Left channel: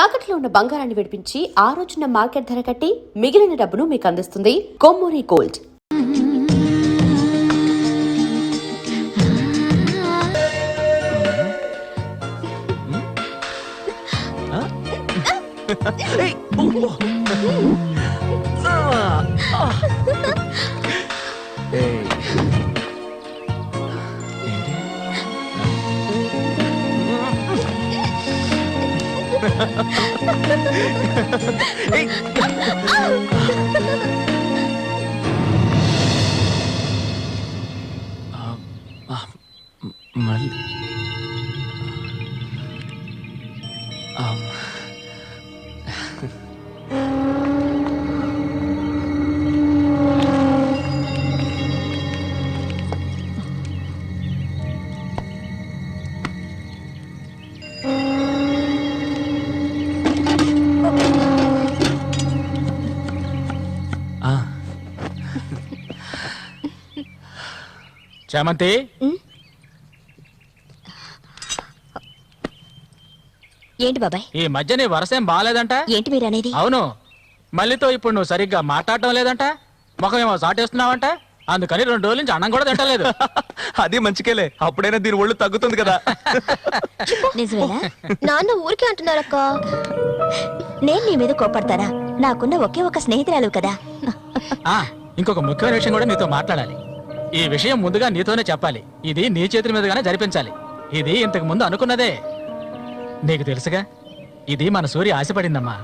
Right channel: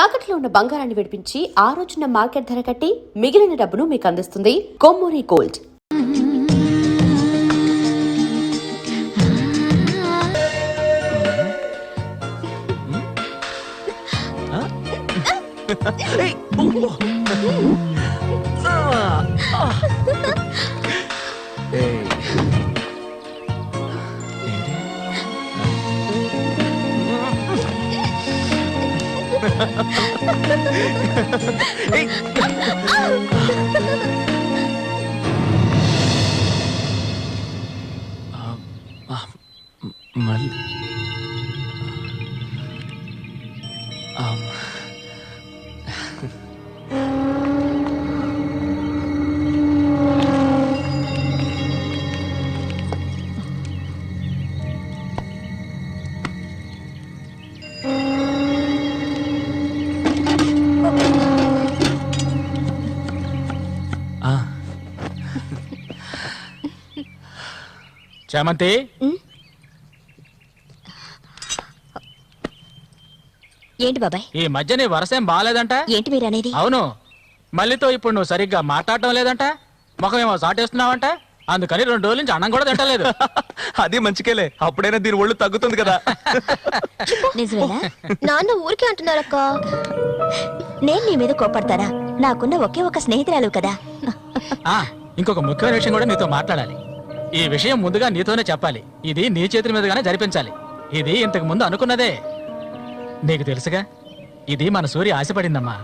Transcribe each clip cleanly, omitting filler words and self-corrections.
తాకట్లో ఉన్న బంగారాన్ని విడిపించి ఆ రోజున మార్కెట్ ధర కట్టి మిగిలిన డబ్బును మీకు అందిస్తుంది కొమ్మూరి గోల్డ్. చామంతి, ఏంటి బాబాయ్? ఈ మధ్య నీ వరసేం బాగాలేదంట. ఏంటి మీరు అనేది? అవును, మళ్ళీతో ఇప్పుడు నువ్వు సరిగ్గా మాట్లాడటం లేదంట, ముఖమేమో సాటేస్తున్నావంట, అందుకని 2 రోజుల నుంచి అన్నం కూడా తింటలేదు. అది మంచికేలే, అప్పుడైనా దీని ఒళ్ళు తగ్గుతుంది కదా. నిజమేనా? నాన్న ఊరికే అంటున్నారక్క. నేను నీ మీద కోపడతానా? నాకున్న ఒకే ఒక స్నేహితురాలు కదా. ఇంకొక ముఖ్యమైన విషయం కూడా నీతో మాట్లాడాలి. ఈ విషయం ముందుగా నీతోనే చెప్పాలి. ఇది నీ చేతుల మీదుగానే జరిపించాలి. ఇది ఇంతకు ముందు అనుకున్నదే, నీకు తెలుసుగా. ఇది మన సూర్య ఆశపడిందమ్మా.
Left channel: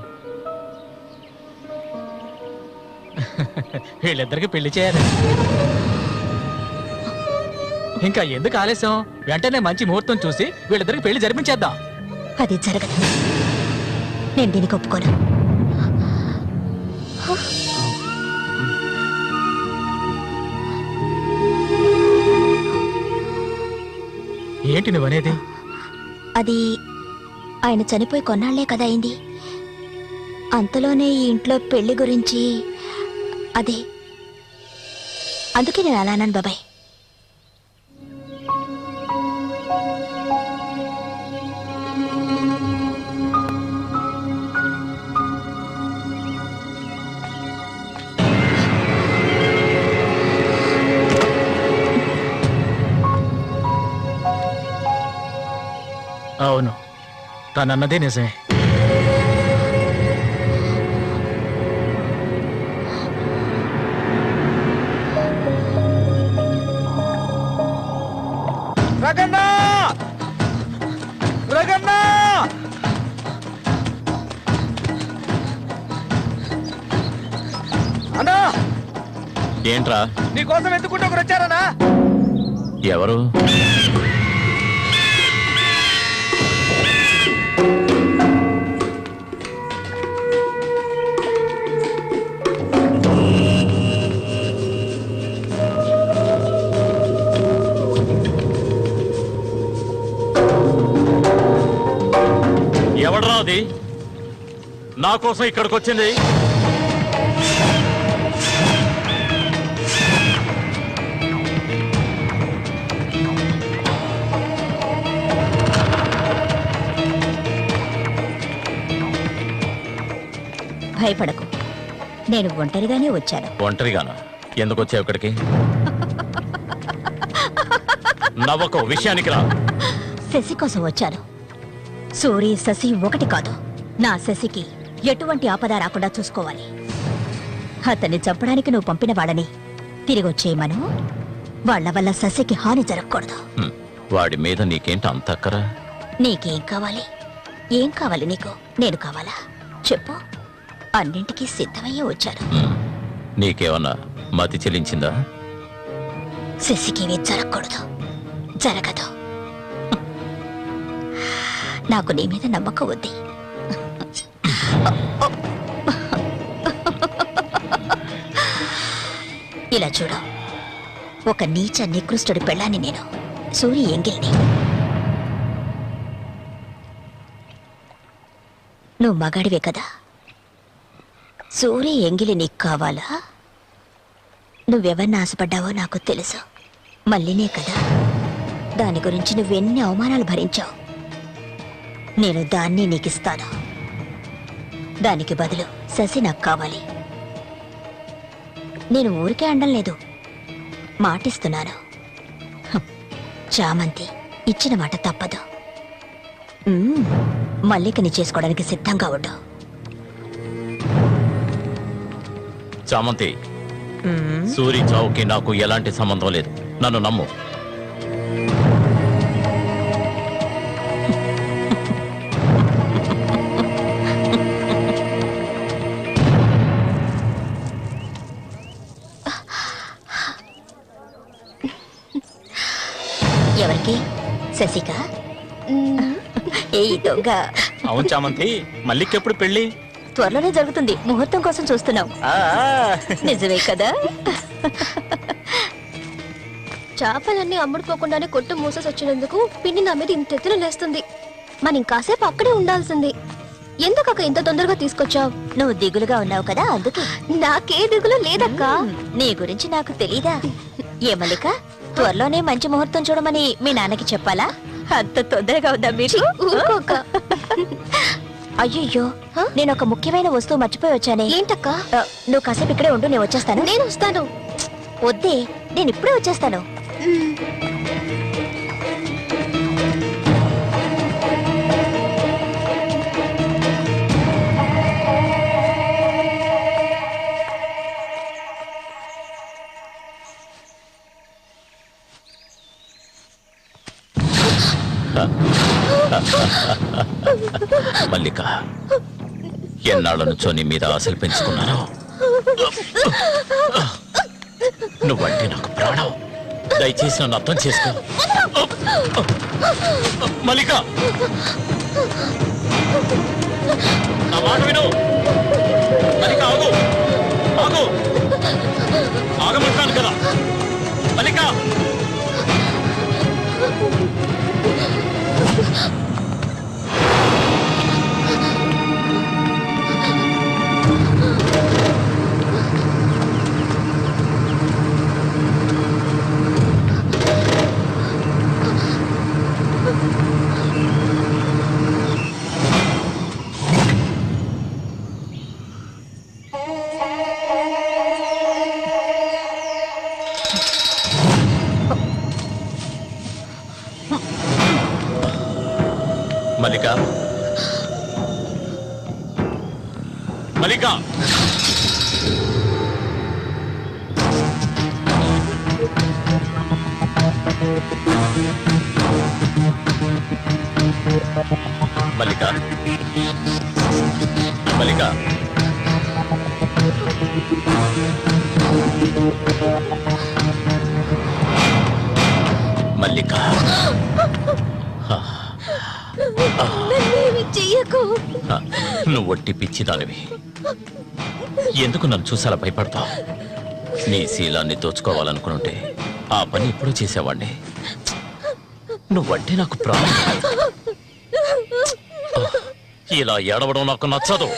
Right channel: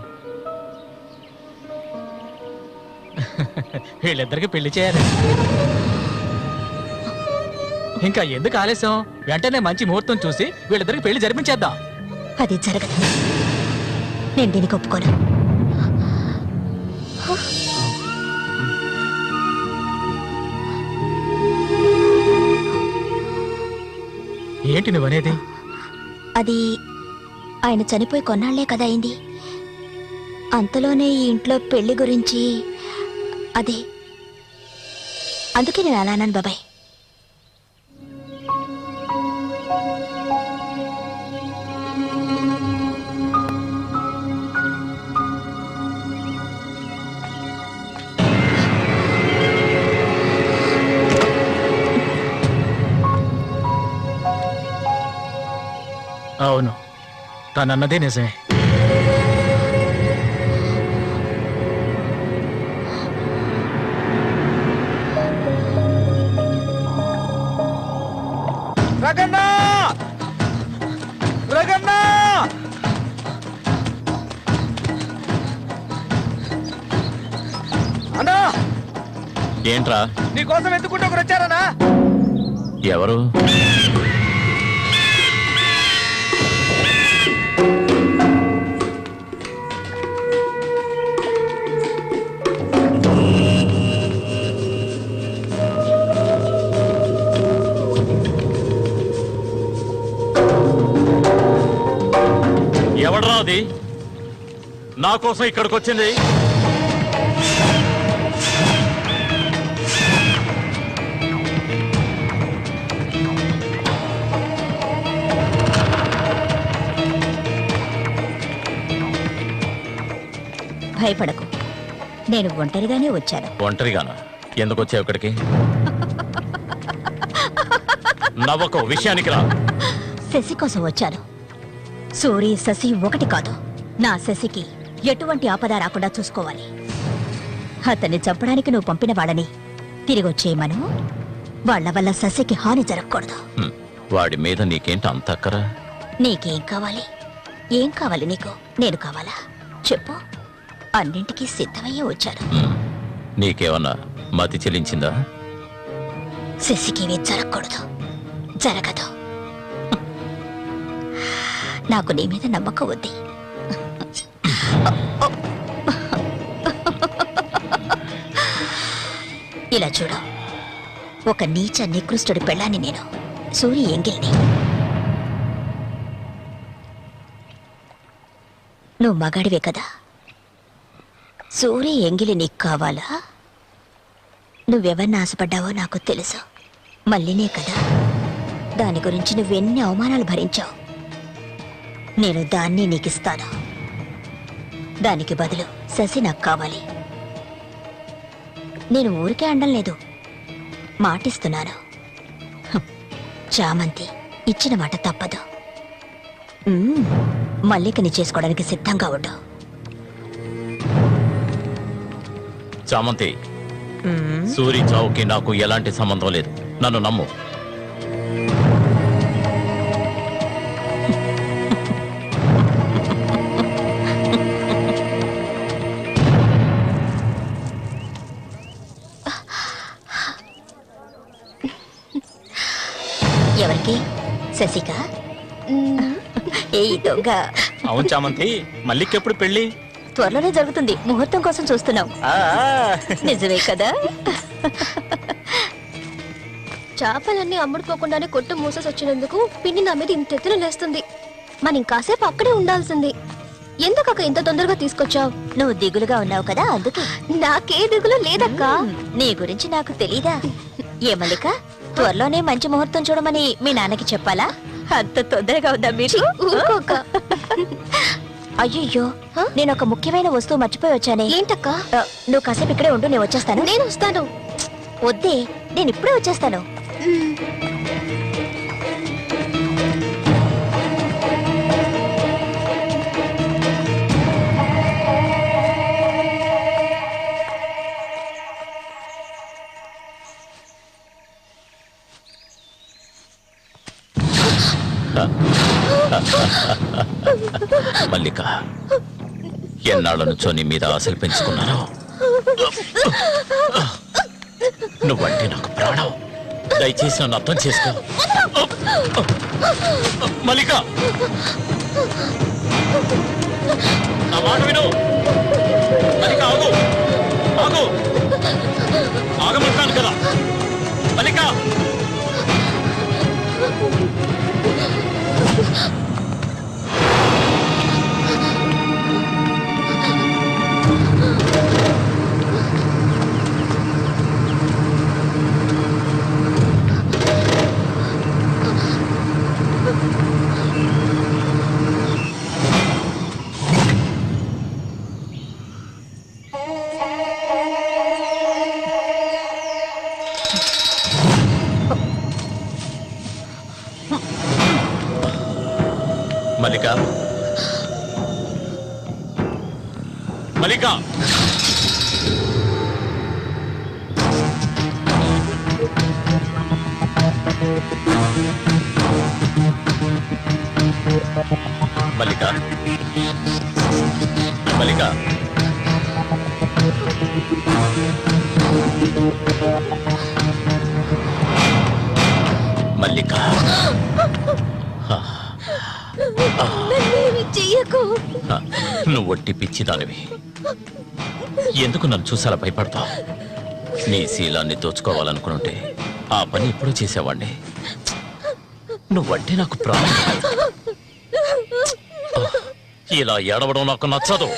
వీళ్ళిద్దరికి పెళ్లి చేయాలి. ఇంకా ఎందుకు ఆలస్యం? వెంటనే మంచి ముహూర్తం చూసి వీళ్ళిద్దరికి పెళ్లి జరిపించేద్దాం. అది జరగదు. నేను దీనికి ఒప్పుకోను. ఏంటి నువ్వనేది? అది ఆయన చనిపోయి కొన్నాళ్లే కదా అయింది. అంతలోనే ఈ ఇంట్లో పెళ్లి గురించి అదే, అందుకే నేను అలా అన్నాను బాబాయ్. అవును, తనన్నదే నిజమే. ఏంట్రా? నీకోసం ఎందుకుంటే వచ్చారనా? ఎవరు? ఎవడరా అది నా కోసం ఇక్కడికి వచ్చింది? భయపడకు, నేను ఒంటరిగానే వచ్చాను. ఒంటరిగానా? ఎందుకు వచ్చావు ఇక్కడికి? నవ్వకు, విషయానికి రా. శశి కోసం వచ్చాను. సూరి శశి ఒకటి కాదు. నా శశికి ఎటువంటి ఆపద రాకుండా చూసుకోవాలి. అతన్ని చంపడానికి నువ్వు పంపిన వాళ్ళని తిరిగి వచ్చేయమను. వాళ్ల వల్ల శశికి హాని జరగకూడదు. వాడి మీద నీకేంటి అంత అక్కరా? నీకేం కావాలి? ఏం కావాలి నీకు? నేను కావాలా? చెప్పు. అన్నింటికీ సిద్ధమయ్యే వచ్చాను. నీకేమన్నా మతి చెల్లించిందా? శశికేమీ జరగకూడదు. జరగదు. నాకు నీ మీద నమ్మకం ఉంది. ఇలా చూడు, ఒక నీచ నికృష్టుడి పెళ్ళాన్ని నేను, సూరి ఎంగిల్ని. నువ్వు మగాడివే కదా. సూరి ఎంగిలి నీకు కావాలా? నువ్వెవరిని ఆశపడ్డావో నాకు తెలుసు. మళ్ళీనే కదా. దాని గురించి నువ్వెన్ని అవమానాలు భరించావు. నేను దాన్ని నీకిస్తాను. దానికి బదులు శశి నాకు కావాలి. నేను ఊరికే అండం లేదు, మాటిస్తున్నాను. చామంతి ఇచ్చిన మాట తప్పదు. మల్లికని చేసుకోవడానికి సిద్ధంగా ఉండు. చామంతి, సూరి చావుకి నాకు ఎలాంటి సంబంధం లేదు. నన్ను నమ్ము. ఎవరికి? శశిక? ఏ దొంగ! అవును చామంతి, మల్లికెప్పుడు పెళ్లి? త్వరలోనే జరుగుతుంది. ముహూర్తం కోసం చూస్తున్నాం. నిజమే కదా? చేపలన్నీ అమ్ముడుపోకుండానే కొట్టు మూసేసి వచ్చినందుకు పిన్ని నా మీద ఇంత ఎత్తున లేస్తుంది. మనం ఇంకాసేపు అక్కడే ఉండాల్సింది. ఎందుకక్క ఇంత తొందరగా తీసుకొచ్చావు? నువ్వు దిగులుగా ఉన్నావు కదా, అందుకే. నాకే దిగులు లేదక్క. నీ గురించి నాకు తెలీదా? ఏ మల్లిక, త్వరలోనే మంచి ముహూర్తం చూడమని మీ నాన్నకి చెప్పాలా? అంత తొందరగా ఉందా మీకు? ఊరుకోక్క. అయ్యయ్యో, నేను ఒక ముఖ్యమైన వస్తువు మర్చిపోయి వచ్చానే. ఏంటక్క? నువ్వు కాసేపు ఇక్కడే ఉండు, నేను వచ్చేస్తాను. నేను వస్తాను. వద్దే, నేను ఇప్పుడే వచ్చేస్తాను. మల్లిక, ఎన్నాళ్ళ నుంచో నీ మీద ఆశలు పెంచుకున్నాను. నువ్వంటే నాకు ప్రాణం. దయచేసి నన్ను అర్థం చేసుకో. మల్లిక, నా మాట విను. మల్లిక, ఆగు, ఆగు, ఆగమంటాను కదా. మల్లిక, మల్లిక, మల్లిక, మల్లిక, మల్లిక, మల్లిక, చెయ్యకు. నువ్వు ఒట్టి పిచ్చిదానివి. ఎందుకు నన్ను చూసాలా భయపడతావు? నీ శీలాన్ని దోచుకోవాలనుకుంటే ఆ పని ఎప్పుడూ చేసేవాడిని. నువ్వంటే నాకు ప్రాణం. ఇలా ఏడవడం నాకు నచ్చదు.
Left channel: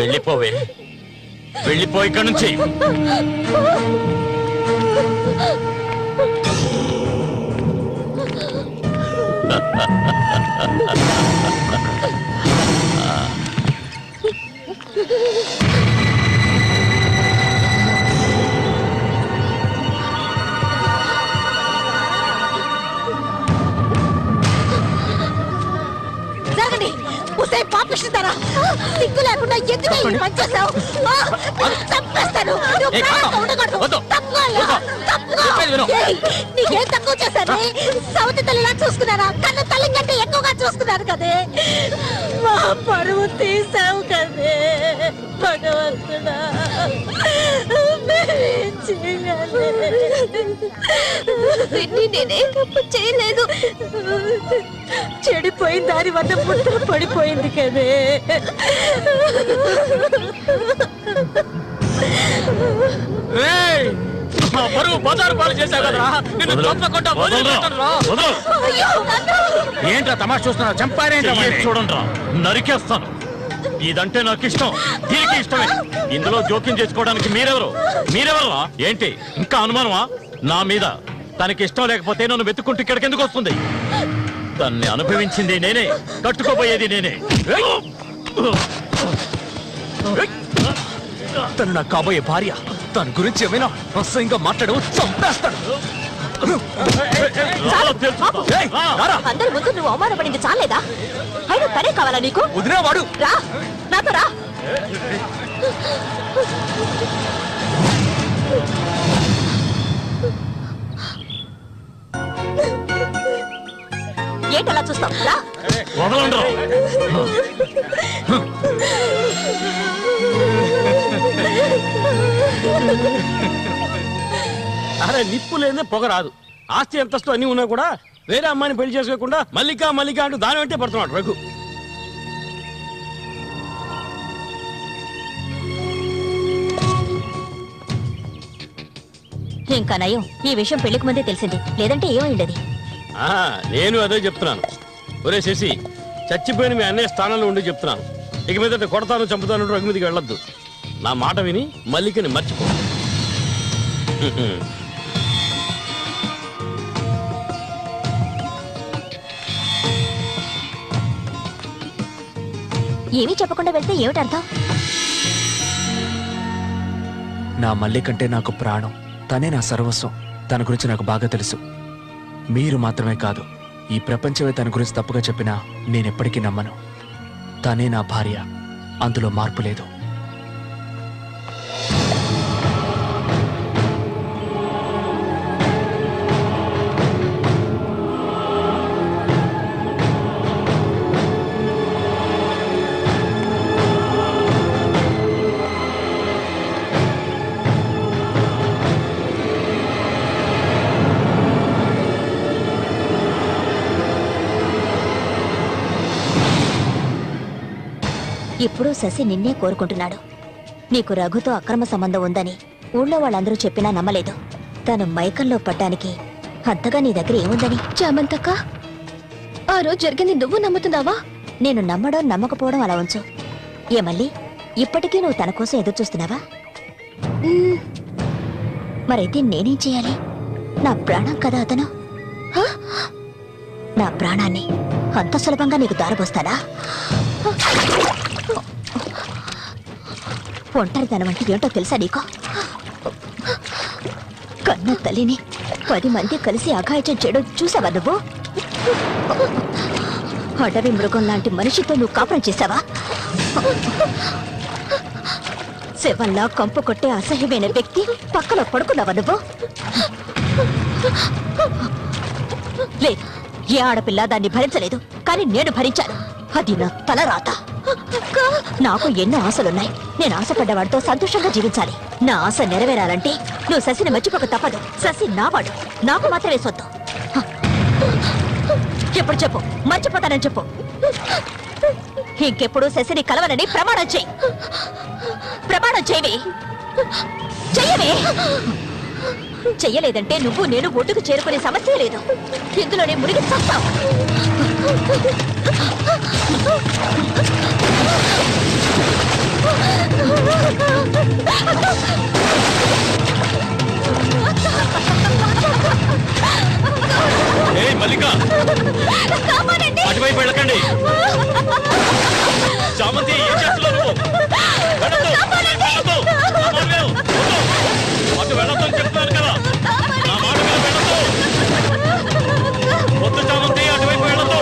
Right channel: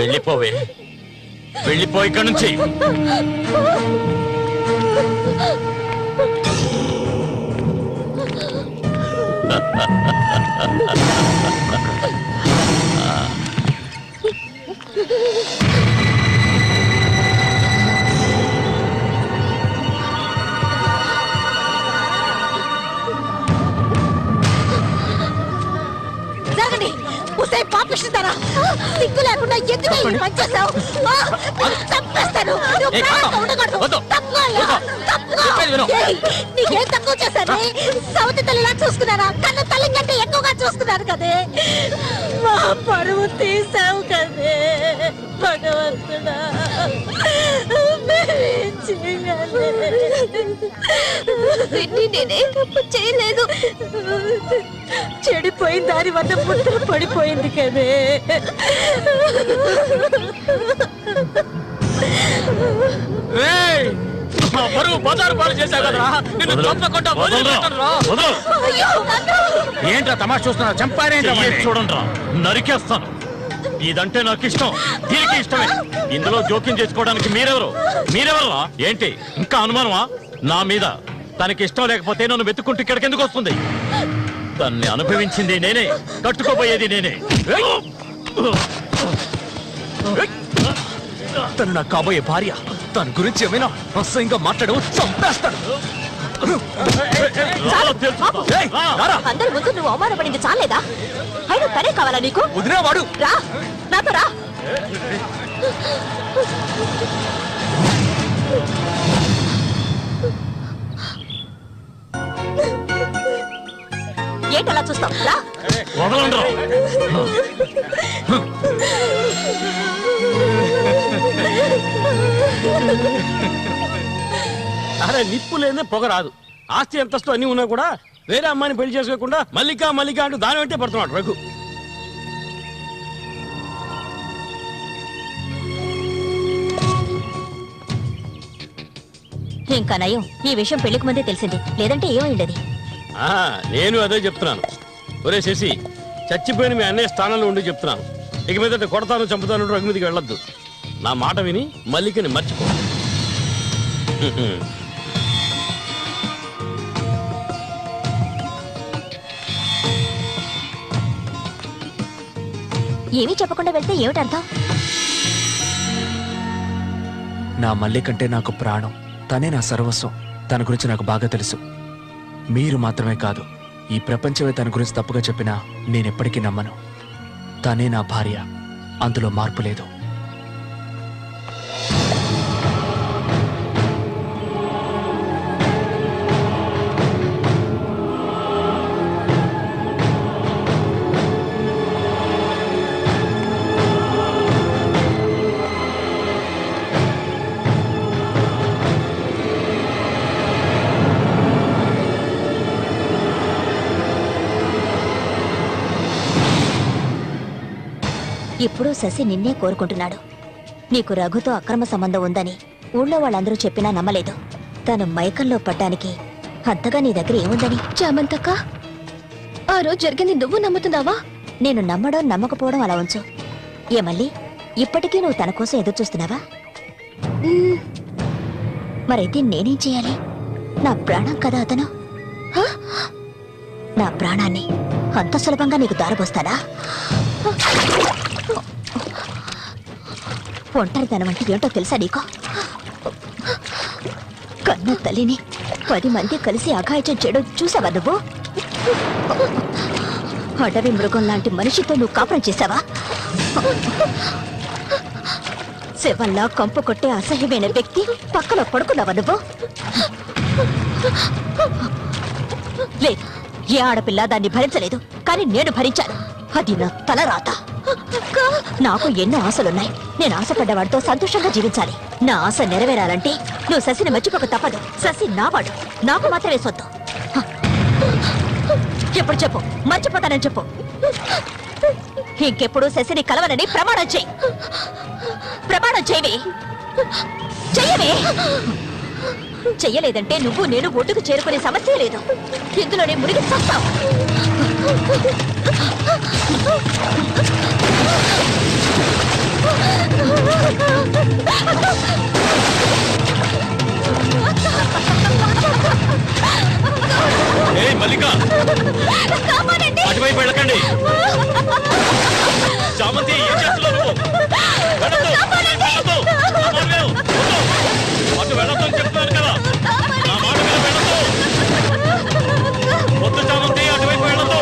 వెళ్ళిపోవే, వెళ్ళిపో ఇక్కడి నుంచి. జరగండి. ఉసే పాపిస్తారా? సిగ్గు లేకుండా ఎందుకు ఈ పని చేశావు? చంపేస్తాను. నువ్వు ప్రాణంగా ఉండకూడదు. తప్పుకోవాలా? తప్పుకో. ఏయ్, నీకేం తక్కువ చేశాను? సౌతి తల్లిలా చూసుకున్నారా? కన్న తల్లి కంటే ఎక్కువగా చూసుకున్నాను కదే. మా పరువు తీసావు కదే భగవంతుడా. మేమేం చేయాలి? పిన్ని నేనే తప్పు చేయలేదు. చెడిపోయిన దాని వల్ల ముద్ర పడిపోయింది కదే. ఏంట్రా తమాషా చూస్తున్నా? చంపారేంట్రా? చూడండి, నరికేస్తాను. ఇదంటే నాకు ఇష్టం, దీనికి ఇష్టమే. ఇందులో జోక్యం చేసుకోవడానికి మీరెవరు? ఏంటి ఇంకా అనుమానమా నా మీద? తనకి ఇష్టం లేకపోతే నన్ను వెతుక్కుంటూ ఇక్కడికి ఎందుకు వస్తుంది? తన్ని అనుభవించింది నేనే, కట్టుకోబోయేది నేనే. తను నా కాబోయే భార్య. తన గురించి ఏమైనా అసహ్యంగా మాట్లాడు, చంపేస్తాడు. ఏయ్, రారా. అందరి ముందు నువ్వు అవమానపడింది చాలేదా? అయినా తనే కావాలా నీకు? వదిలేవాడు. రా, నాతో రా. ఏంటలా చూస్తావు? రా. వదలండి. అరే నిప్పు లేదే పొగ రాదు. ఆస్తి అంతస్తు అన్ని ఉన్నా కూడా వేరే అమ్మాయిని పెళ్లి చేసుకోకుండా మల్లిక మల్లిక అంటూ దాని వెంటే పడుతున్నాడు రఘు. ఇంకా నయం, ఈ విషయం పెళ్లికి ముందే తెలిసింది, లేదంటే ఏమైండది? ఆ, నేను అదే చెప్తున్నాను. ఒరే శశి, చచ్చిపోయిన మీ అన్నయ్య స్థానంలో ఉండి చెప్తున్నాను. ఇక మీద కొడతాను చంపుతాను రఘు మీదకి వెళ్ళొద్దు. నా మాట విని మల్లికని మర్చిపో. ఏమీ చెప్పకుండా వెళ్తే ఏమిటి అర్థం? నా మల్లి కంటే నాకు ప్రాణం. తనే నా సర్వస్వం. తన గురించి నాకు బాగా తెలుసు. మీరు మాత్రమే కాదు, ఈ ప్రపంచమే తన గురించి తప్పుగా చెప్పినా నేనెప్పటికీ నమ్మను. తనే నా భార్య, అందులో మార్పు లేదు. ఇప్పుడు శశి నిన్నే కోరుకుంటున్నాడు. నీకు రఘుతో అక్రమ సంబంధం ఉందని ఊళ్ళో వాళ్ళందరూ చెప్పినా నమ్మలేదు. తను మైకంలో పడ్డానికి అంతగా నీ దగ్గర ఏముందని? చామంతక్క, ఆ రోజు జరిగింది నువ్వు నమ్ముతున్నావా? నేను నమ్మడం నమ్మకపోవడం అలా ఉంచు. ఏ మళ్ళీ ఇప్పటికీ నువ్వు తన కోసం ఎదురు చూస్తున్నావా? మరైతే నేనేం చేయాలి? నా ప్రాణం కదా అతను. హ? నా ప్రాణాన్ని అంత సులభంగా నీకు దారబోస్తానా? ఒంటరితనం అంటే ఏంటో తెలుసా నీకు? కన్న తల్లిని 10 మంది కలిసి అఘాయిత్యం చేయడం చూసావా నువ్వు? అడవి మృగం లాంటి మనిషితో నువ్వు కాపురం చేశావా? శవంలా కంపు కొట్టే అసహ్యమైన వ్యక్తి పక్కన పడుకున్నావా నువ్వు? లేదు, ఏ ఆడపిల్ల దాన్ని భరించలేదు, కానీ నేను భరించాను. అది నా తలరాత. నాకు ఎన్నో ఆశలున్నాయి. నేను ఆశపడ్డవాడితో సంతోషంగా జీవించాలి. నా ఆశ నెరవేరాలంటే నువ్వు శశిని మర్చిపోక తప్పదు. శశి నావాడు, నాకు మాత్రమే సొత్తు. ఎప్పుడు చెప్పు, మర్చిపోతానని చెప్పు. ఇంకెప్పుడు శశిని కలవనని ప్రమాణం చేయి. ప్రమాణం చేయవే. చెయ్యవే. చెయ్యలేదంటే నువ్వు నేను ఒడ్డుకు చేరుకునే సమస్య లేదు. ఇందులోనే మునిగి చూస్తావు. మల్లిక, అటువైపు వెళ్ళకండి. చామంతి, ఏం చేస్తున్నావు? అటు వెళ్ళొద్దు అని చెప్తున్నాను కదా. నా మాట వద్దు చామంతి, అటువైపు వెళ్ళొద్దు.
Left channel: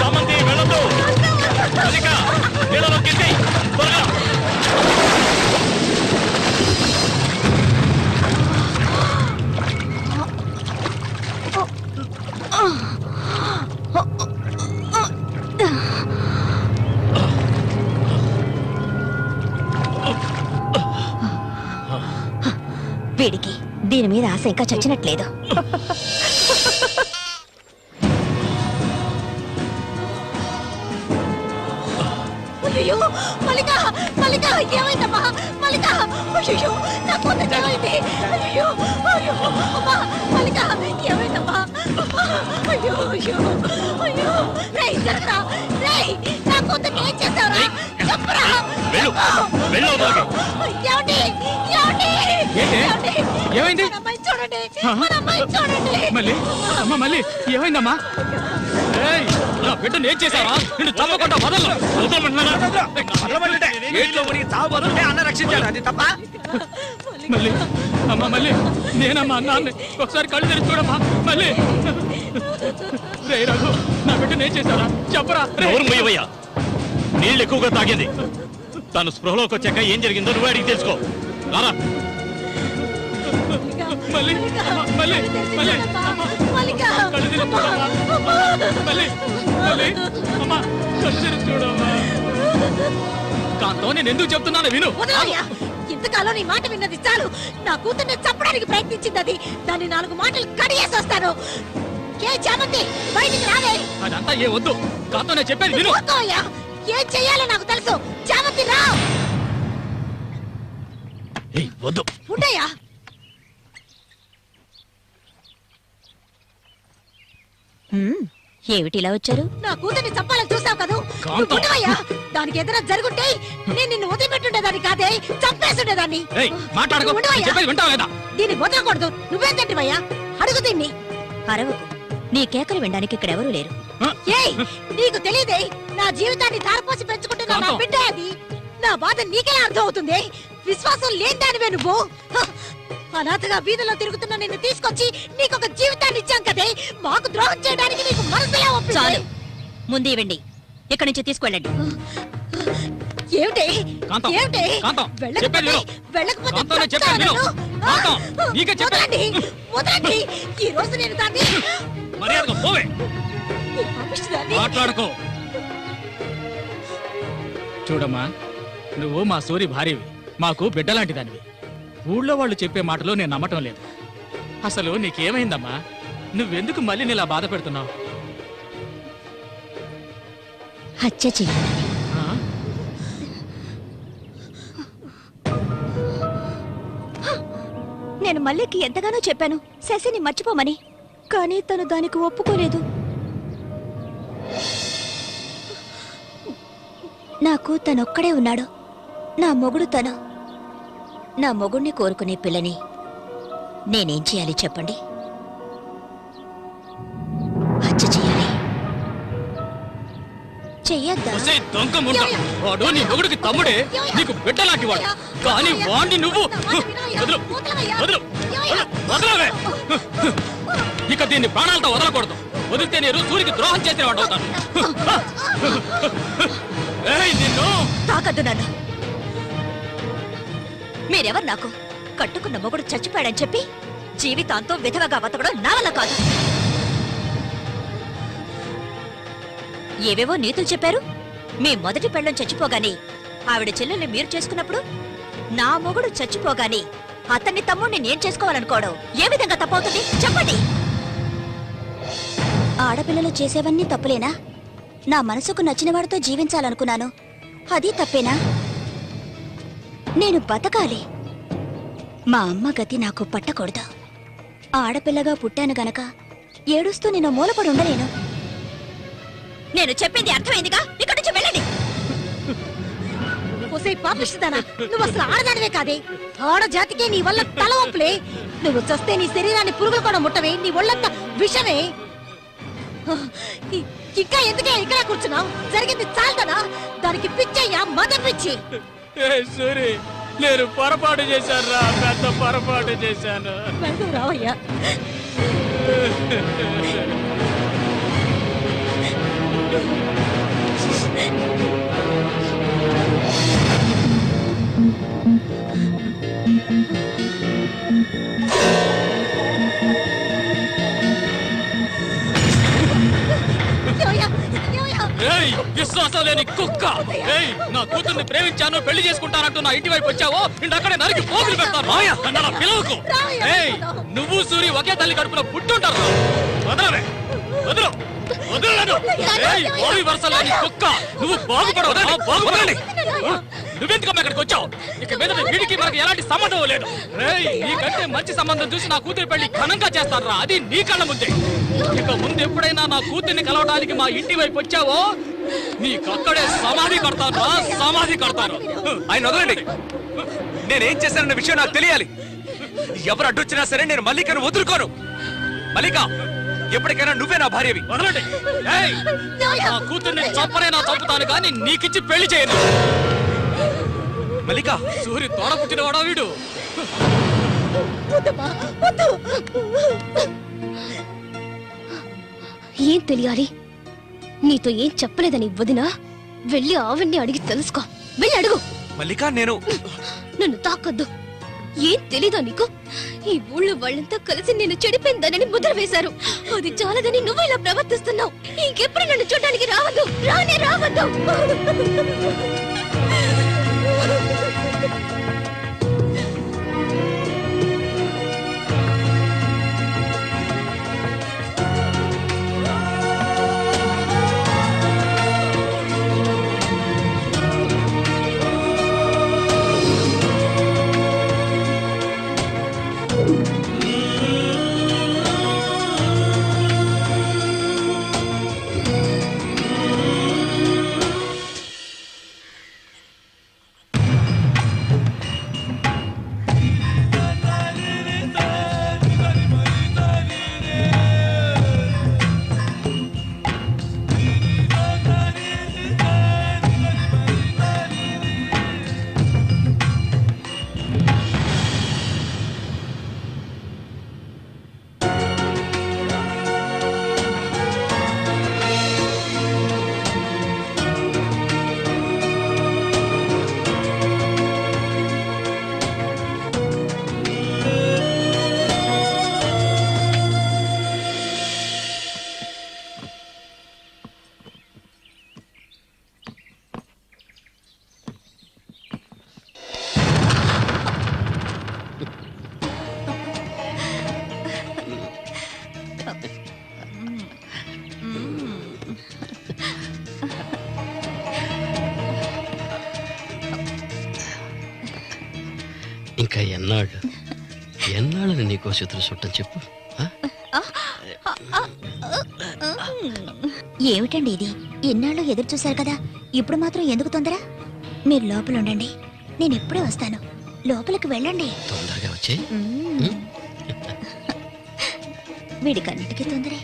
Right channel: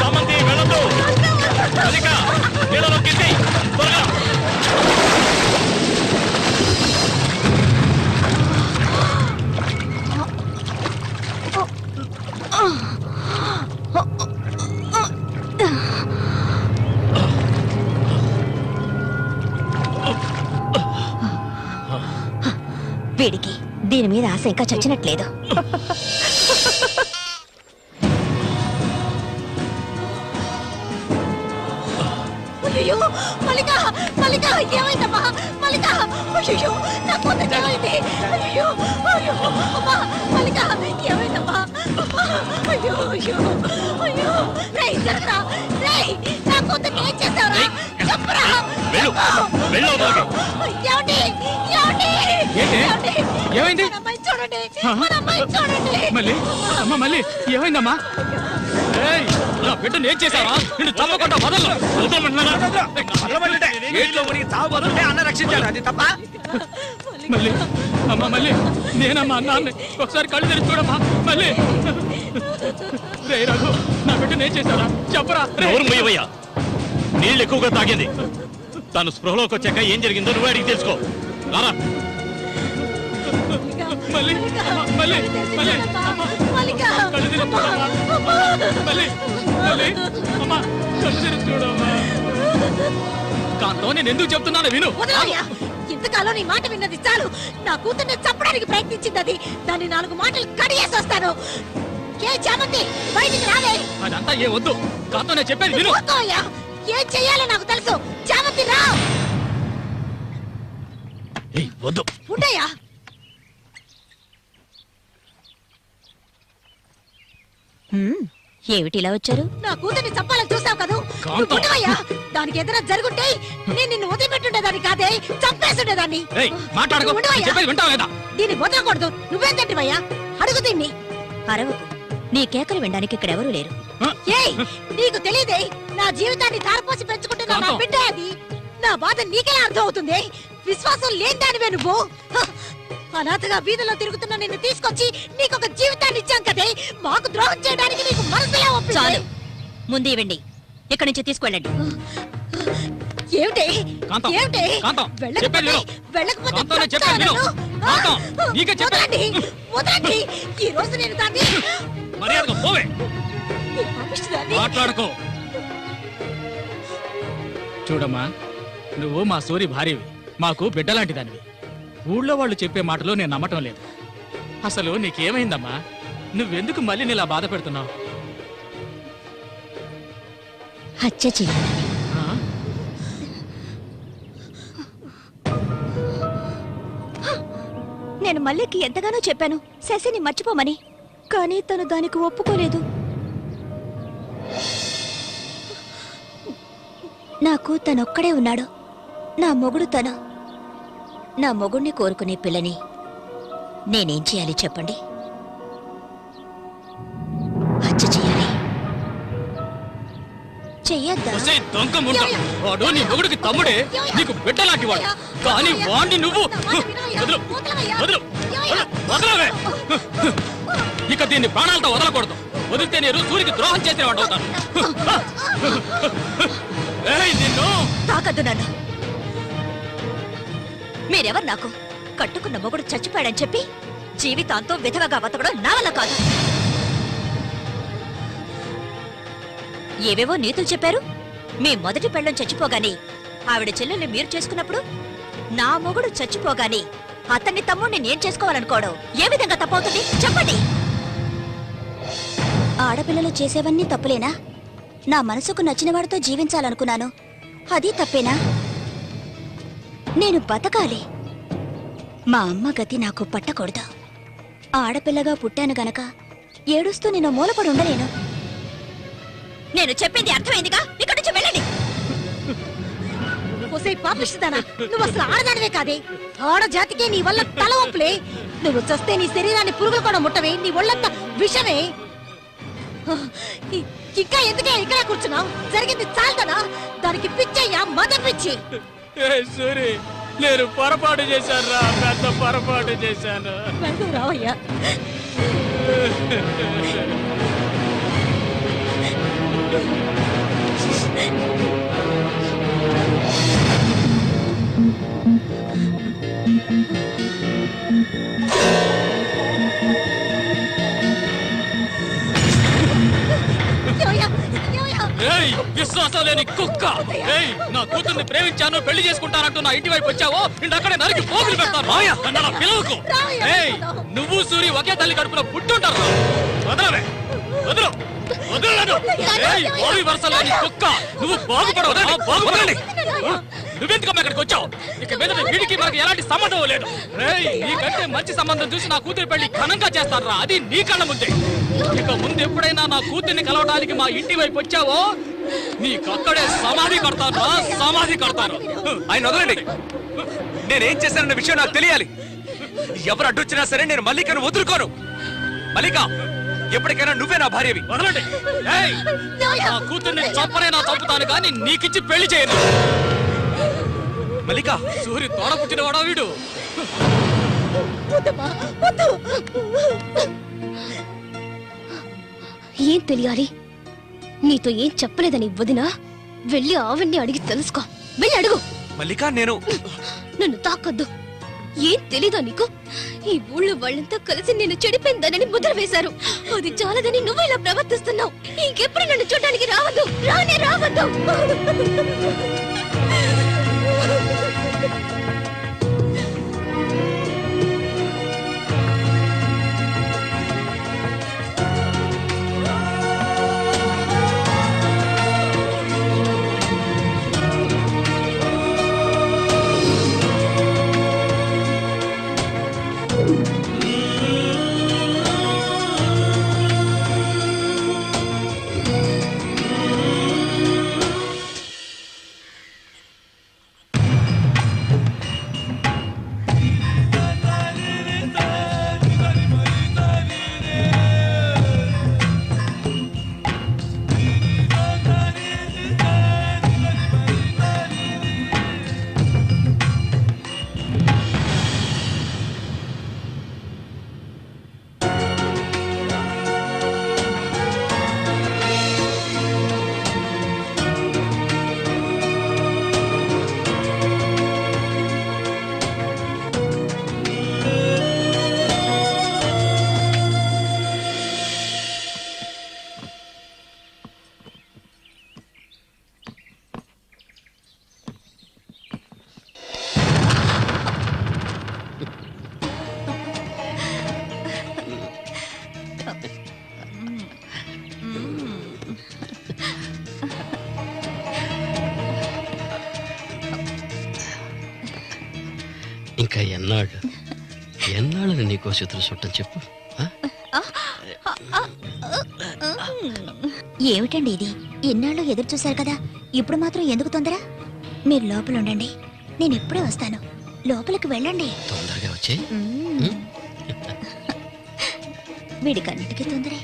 చామంతి వెళ్ళొద్దు. మల్లిక, నీళ్ళలో కింది త్వరగా. వీడికి దీని మీద ఆశ ఇంకా చచ్చినట్లేదు. అయ్యో మల్లిక, మల్లిక ఏమైందమ్మా? మల్లిక, అయ్యో నా కొంత ఏమైంది? అయ్యో అయ్యో అమ్మా, మల్లిక ఏమైందమ్మా? అయ్యో అయ్యో అయ్యో, రేయ్ జరగరా, రేయ్ నా కొంత ఏం చేస్తావురా? చెప్పరా. వెళ్ళు, వెళ్ళు అవతలకి. ఏమండి, ఏమండి, ఏంటి? ఏమైంది? మన అమ్మాయి చూడండి, మన అమ్మాయి చూడండి. మళ్ళీ అమ్మ, మళ్ళీ ఏమైందమ్మా? ఏయ్, ఇలా బిడ్డను ఏం చేశావా? నిన్ను చంపకుండా వదలను. అన్న రక్షించాడు, అది తప్ప. మళ్ళీ అమ్మా, మళ్ళీ నేనమ్మా అన్నాన్ని ఒకసారి కళ్ళు తెరిచి చూడమ్మా. మళ్ళీ రే రఘు, నా బిడ్డను ఏం చేశారా చెప్పరా? రే. ఎవరు మొయ్యవయ్యా? నీళ్ళు ఎక్కువగా తాగేది. తను స్పృహలోకి వచ్చాక ఏం జరిగిందో నువ్వు అడిగి తెలుసుకో. రారా. మళ్ళీ మళ్ళీ మళ్ళీ కళ్ళు తెరిచి చూడమ్మా. మళ్ళీ మళ్ళీ అమ్మా కళ్ళు తెరిచి చూడమ్మా. కాంతో నేను ఎందుకు చెప్తున్నాను విను. వదలయ్యా, ఇంతకాలం నీ మాట విన్నది చాలు. నా కూతుర్ని చంపడానికి ప్రయత్నించింది అది. దాన్ని 4 మాటలు కడిగేసి వస్తాను. ఏ చామంతి బయటికి రాలే. అదంతా ఏ వద్దు. కాంతో నేను చెప్పేది విను. వద్దయ్యా, ఏం చెయ్యాలో నాకు తెలుసు. చామంతి రా. ఏయ్, వద్దు. ఉండయ్యా. ఏమిటి ఇలా వచ్చారు? నా కూతుర్ని చంపాలని చూస్తావు కదా. కాంతం. ఉండవయ్యా, దానికి ఏదైనా జరుగుంటే నేను నిన్ను వదిలిపెట్టుండేదాన్ని కాదే, చంపేస్తుండేదాన్ని. ఏయ్, మాట్లాడకు. నేను ఉండవయ్యా. చెప్పేది వింటావా లేదా? దీన్ని వదలకూడదు. నువ్వేం తింటివయ్యా? అడుగు దీన్ని. అరవకు. నీ కేకలు వినడానికి ఇక్కడ ఎవరూ లేరు. ఏయ్, నీకు తెలియదే, నా జీవితాన్ని ధారపోసి పెంచుకుంటున్న నా కాంతం. బిడ్డ అది. నా బాధ నీకెలా అర్థం అవుతుంది? విశ్వాసం లేదానివే నువ్వు. అనాథగా వీధిలో తిరుగుతున్న నిన్ను తీసుకొచ్చి నీకొక జీవితాన్ని ఇచ్చాం కదే. మాకు ద్రోహం చేయడానికి నీకు మనసులే ఒప్పించాలి. ముందు ఇవ్వండి, ఇక్కడి నుంచి తీసుకెళ్ళండి. ఏమిటి కాంతం, ఏమిటి? కాంతం, వెళ్ళకపోతే- చెప్పేది విను. వెళ్ళకపోతే కాంతం, నేను చెప్పేది విను. చస్తాను. కాంతం, నీకే చెప్పేది. వదలండి, వదలండి. ఈ రోజు నేను దాన్ని మర్యాదగా పోవే. ఈ పంపిస్తుందాన్ని. మాట్లాడుకో. చూడమ్మా, నువ్వు మా సూరి భార్యవి, మాకు బిడ్డలాంటి దానివి. ఊళ్ళో వాళ్ళు చెప్పే మాటలు నేను నమ్మటం లేదు. అసలు నీకేమైందమ్మా? నువ్వెందుకు మళ్ళీ నీలా బాధ పెడుతున్నావు? హత్య చెయ్యి. నేను మల్లికి ఎంతగానో చెప్పాను శశిని మర్చిపోమని, కానీ తను దానికి ఒప్పుకోలేదు. నాకు తనొక్కడే ఉన్నాడు. నా మొగుడు తను. నా మొగుణ్ణి కోరుకునే పిల్లని నేనేం చేయాలి చెప్పండి? హత్య చేయాలి. చెయ్యొద్దా? ఒసేయ్ దొంగ ముండ, వాడు నీ మొగుడికి తమ్ముడే, నీకు బిడ్డలాంటి వాడు. కానీ వాణ్ణి నువ్వు వదలు, వదలు, వదలవే. ఇక దీన్ని ప్రాణాలతో వదలకూడదు. వదిలితే నేను సూరికి ద్రోహం చేసిన వాడు అవుతాను. ఏయ్, నిన్ను తాకద్దు నన్ను. మీరెవరు నాకు? కట్టుకున్న మొగుడు చచ్చిపోయాడని చెప్పి జీవితాంతం విధవగా బతకడం నా వల్ల కాదు. ఏవేవో నీతులు చెప్పారు. మీ మొదటి పెళ్ళం చచ్చిపోగాని ఆవిడ చెల్లెల్ని మీరు చేసుకున్నప్పుడు నా మొగుడు చచ్చిపోగాని అతన్ని తమ్ముడిని నేను చేసుకోవాలనుకోవడం ఏ విధంగా తప్పవుతుంది చెప్పండి? ఆడపిల్లలు చేసేవన్నీ తప్పులేనా? నా మనసుకు నచ్చిన వాడితో జీవించాలనుకున్నాను, అది తప్పేనా? నేను బతకాలి. మా అమ్మ గతి నాకు పట్టకూడదు. ఆడపిల్లగా పుట్టాను గనక ఏడుస్తూ నేను మూలపడి ఉండలేను. నేను చెప్పింది అర్థమైందిగా, ఇక్కడి నుంచి వెళ్ళండి. పాపిస్తానా? నువ్వు అసలు ఆడదానివే కాదే. ఆడజాతికి నీ వల్ల తల ఒప్పులే. నువ్వు చస్తే నీ శరీరాన్ని పురుగులు కూడా ముట్టవే. నీ ఒళ్ళంతా విషమే. ఇంకా ఎందుకే ఇక్కడ కూర్చున్నావు? జరిగింది చాలదనా? దానికి పిచ్చయ్యా, మద పిచ్చి. సూరి, నేను పొరపాటు చేశాను రా, పెద్ద పొరపాటు చేశాను. వెళ్తూ రావయ్యా. ఏయ్, విశ్వాసం లేని కుక్క! ఏయ్, నా కూతుర్ని ప్రేమించాను, పెళ్లి చేసుకుంటానంటూ నా ఇంటి వైపు వచ్చావో అక్కడే నరికి పోగులు పెడతాను. నన్ను అలా పిలవకు. ఏయ్, నువ్వు సూరి ఒకే తల్లి కడుపులో పుట్టుంటారు. వదలవే, వదలు, వదలలేదు. ఏయ్, ఓరి వరుస లేని కుక్క! నువ్వు బాగుపడవు, బాగుపడండి. నువ్వెందుకమ్మా ఇక్కడికి వచ్చావు? ఇక మీద వీడికి మనకి ఎలాంటి సంబంధం లేదు. ఏయ్, నీకంటే మంచి సంబంధం చూసి నా కూతురి పెళ్లి ఘనంగా చేస్తాను రా, అది నీ కళ్ళ ముందే. ఇక ముందు ఎప్పుడైనా నా కూతుర్ని కలవడానికి మా ఇంటి వైపు వచ్చావో నీకక్కడే సమాధి కడతాను రా, సమాధి కడతాను. ఆయన వదలండి. నేనేం చేశానన్న విషయం నాకు తెలియాలి. ఎవరు అడ్డొచ్చినా సరే నేను మల్లికను వదులుకోను. మల్లిక, ఎప్పటికైనా నువ్వే నా భార్యవి. వదలండి. ఏయ్! నా కూతుర్ని చంపనైనా చంపుతాను కానీ నీకిచ్చి పెళ్లి చేయను. మల్లిక, సూర్యు తోడ పుట్టినవాడా వీడు? ఏం తెలియాలి? నీతో ఏం చెప్పలేదని వదిన వెళ్ళి ఆవిడ్ని అడిగి తెలుసుకో. వెళ్ళి అడుగు. మల్లిక, నేను నన్ను తాకొద్దు. ఏం తెలీదా నీకు? ఈ ఊళ్ళో వాళ్ళంతా కలిసి నేను చెడిపోయిందనని ముద్ర వేశారు. అది చాలదని నువ్వు ఇలా ప్రవర్తిస్తున్నావు. ఇంకెప్పుడు నన్ను చూడడానికి రావద్దు. రానే రావద్దు. ఇంకా ఎన్నాళ్ళని నీకో చేతులు చుట్టం చెప్పు. ఏమిటండి ఇది? ఎన్నాళ్ళు ఎదురు చూశారు కదా, ఇప్పుడు మాత్రం ఎందుకు తొందర? మీరు లోపల ఉండండి, నేను ఇప్పుడే వస్తాను. లోపలికి వెళ్ళండి. తొందరగా వచ్చే. వీడికన్నిటికీ తొందరే.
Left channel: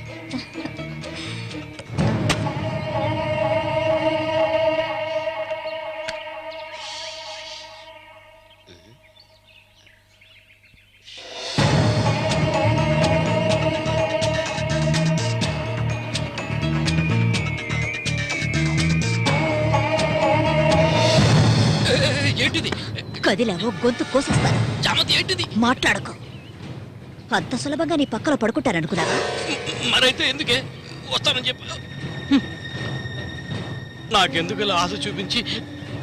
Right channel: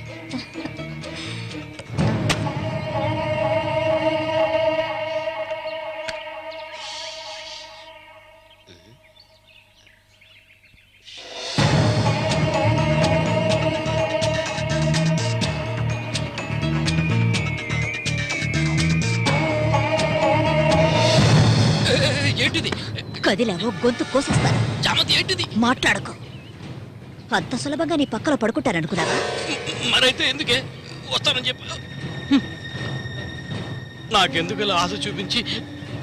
ఏంటిది? కదిలావో గొంతు కోసేస్తాను. చామంతి, ఏంటిది? మాట్లాడకు. అంత సులభంగా నీ పక్కలో పడుకుంటారనుకున్నావా? మరైతే ఎందుకే వస్తానని చెప్పు. నాకెందుకు ఇలా ఆశ చూపించి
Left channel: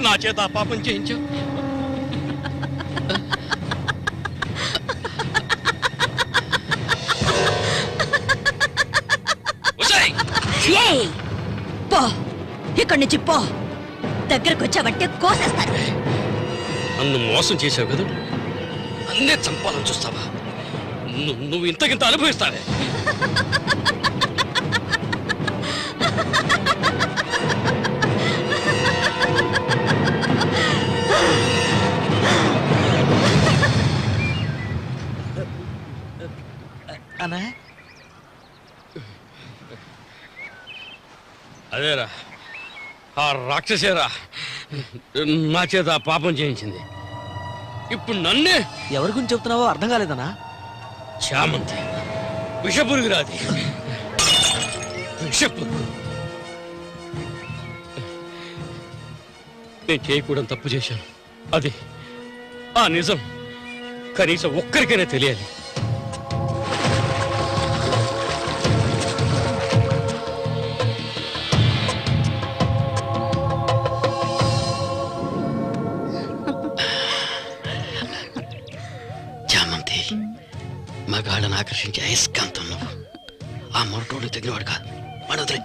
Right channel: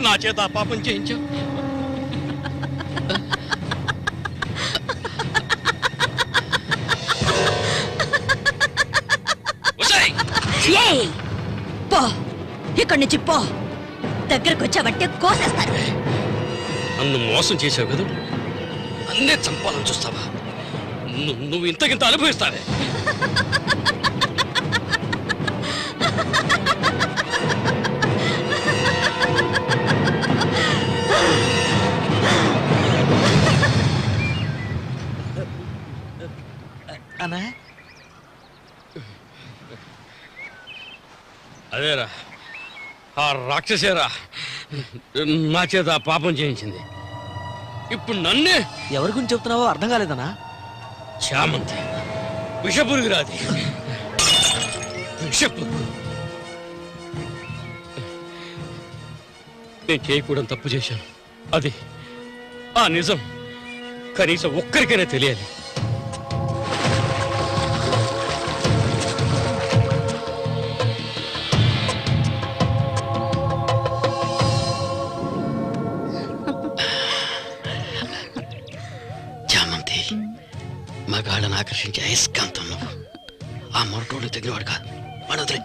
నా చేత ఆ పాపం చేయించావు? ఏయ్! పో, ఇక్కడి నుంచి పో. దగ్గరకు వచ్చావంటే కోసేస్తాను. నన్ను మోసం చేసావు కదా, నన్నే చంపాలని చూస్తావా? నువ్వు ఇంతకింత అనుభవిస్తావే. అన్నా, అదేరా, ఆ రాక్షసేరా నా చేత ఆ పాపం చేయించింది. ఇప్పుడు నన్నే. ఎవరి గురించి చెప్తున్నావో అర్థం కాలేదన్నా. చామంతి విషపురుగురాది, విషపురుగు. నేను చేయకూడని తప్పు చేశాను. అది ఆ నిజం కనీసం ఒక్కరికైనా తెలియాలి. చామంతి మగాళ్ళని ఆకర్షించే అయస్కాంతం నువ్వు. ఆ మొరటోడు తగినవాడు కాదు, వాడొదిలే.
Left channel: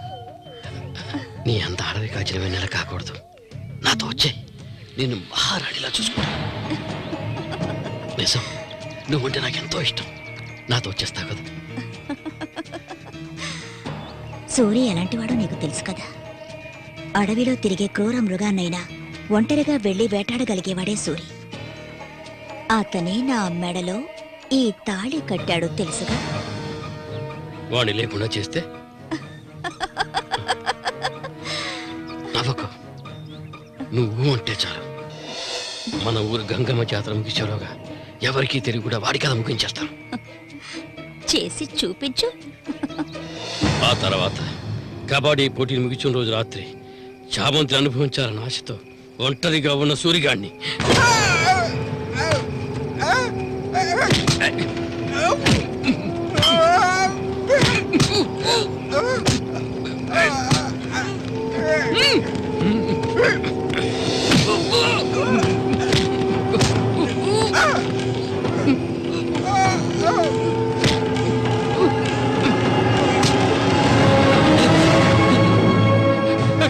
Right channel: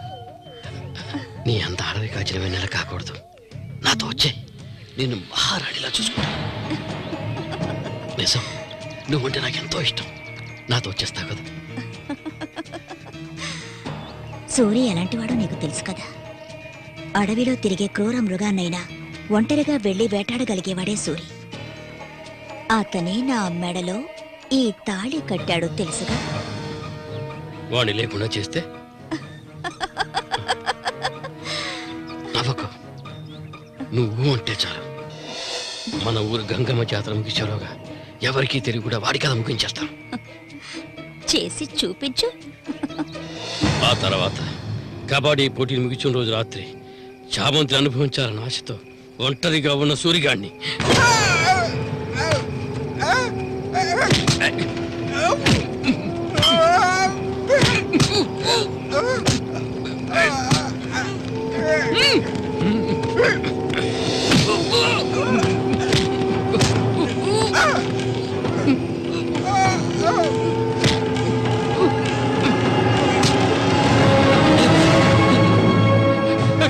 నీ అంత అడవి కాచిన వెన్నెల కాకూడదు. నాతో వచ్చే, నిన్ను మహారాణిలా చూసుకుంటా. నిజం, నువ్వుంటే నాకెంతో ఇష్టం. నాతో వచ్చేస్తావు కదా. సూర్య ఎలాంటివాడో నీకు తెలుసు కదా. అడవిలో తిరిగే క్రూర మృగాన్నైనా ఒంటరిగా వెళ్లి వేటాడగలిగేవాడే సూరి. అతనే నా మెడలో ఈ తాళి కట్టాడు తెలుసుగా. వాడిని లేకుండా చేస్తే నవ్వకు. నువ్వు అంటే చాలు మన ఊరు గంగమ్మ జాతర ముగించేలోగా ఎవరికీ తెలివి కూడా వాడి కథ ముగించేస్తాం. చేసి చూపించు. ఆ తర్వాత కబడ్డీ పోటీలు ముగించిన రోజు రాత్రి చామంతిని అనుభవించాలని ఆశతో ఒంటరిగా ఉన్న సూరిగాడిని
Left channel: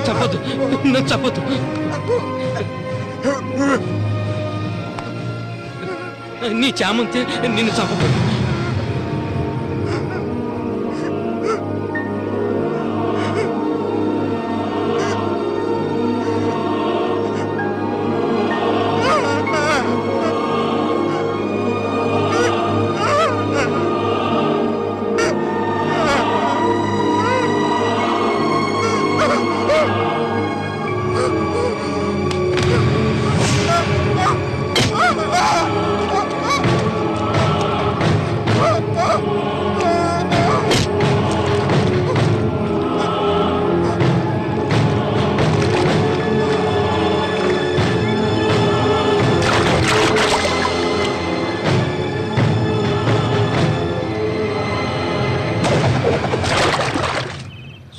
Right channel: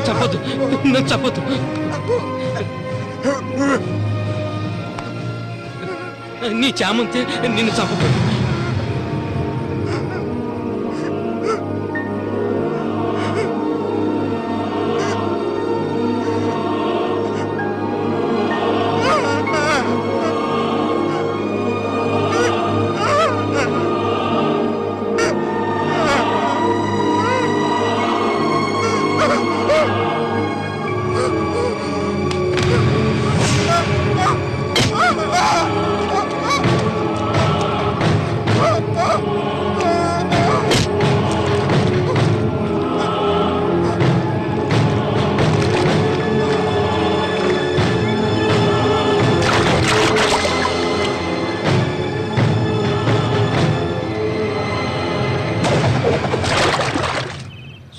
చెప్పొద్దు, నన్ను చెప్పొద్దు. నీ చామంతి నిన్ను చంపదు.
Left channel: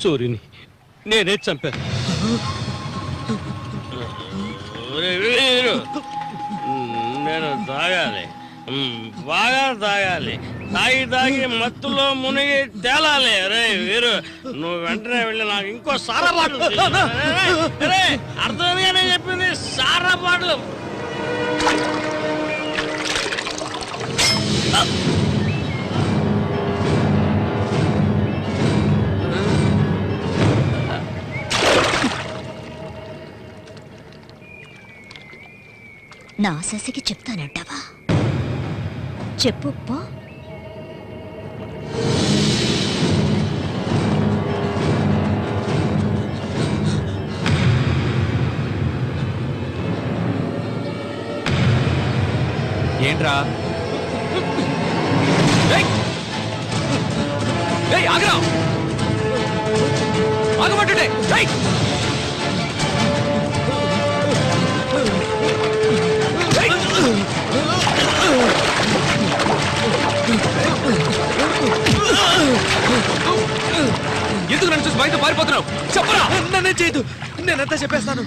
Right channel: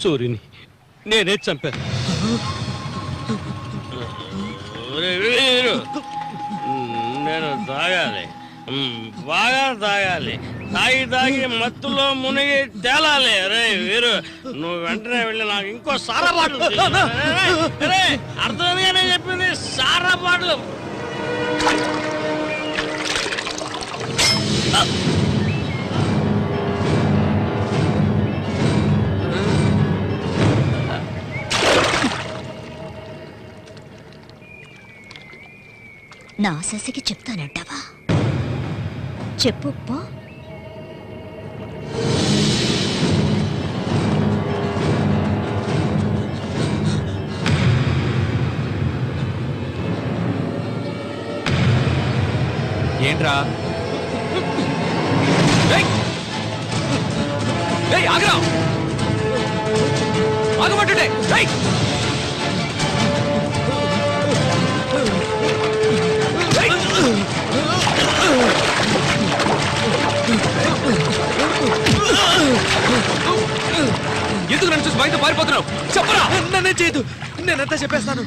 సూర్యుని నేనే చంపాను. నేను తాగాలి, బాగా తాగాలి, తాగి మత్తులో మునిగి తేలాలి. రే వీరు, నువ్వు వెంటనే వెళ్ళి నాకు ఇంకో సారా బాటలు అర్థమేనే చెప్పింది. సారా బాటలు నా శశికి చెప్తానంటావా? చెప్పు పో. ఏంట్రా? ఆగరా, ఆగమంటుంటే ఎందుకు నన్ను చూసి బయట పారిపోతున్నావు? చెప్పరా. నన్నే చేయదు, నేనంతా చెప్పేస్తాను.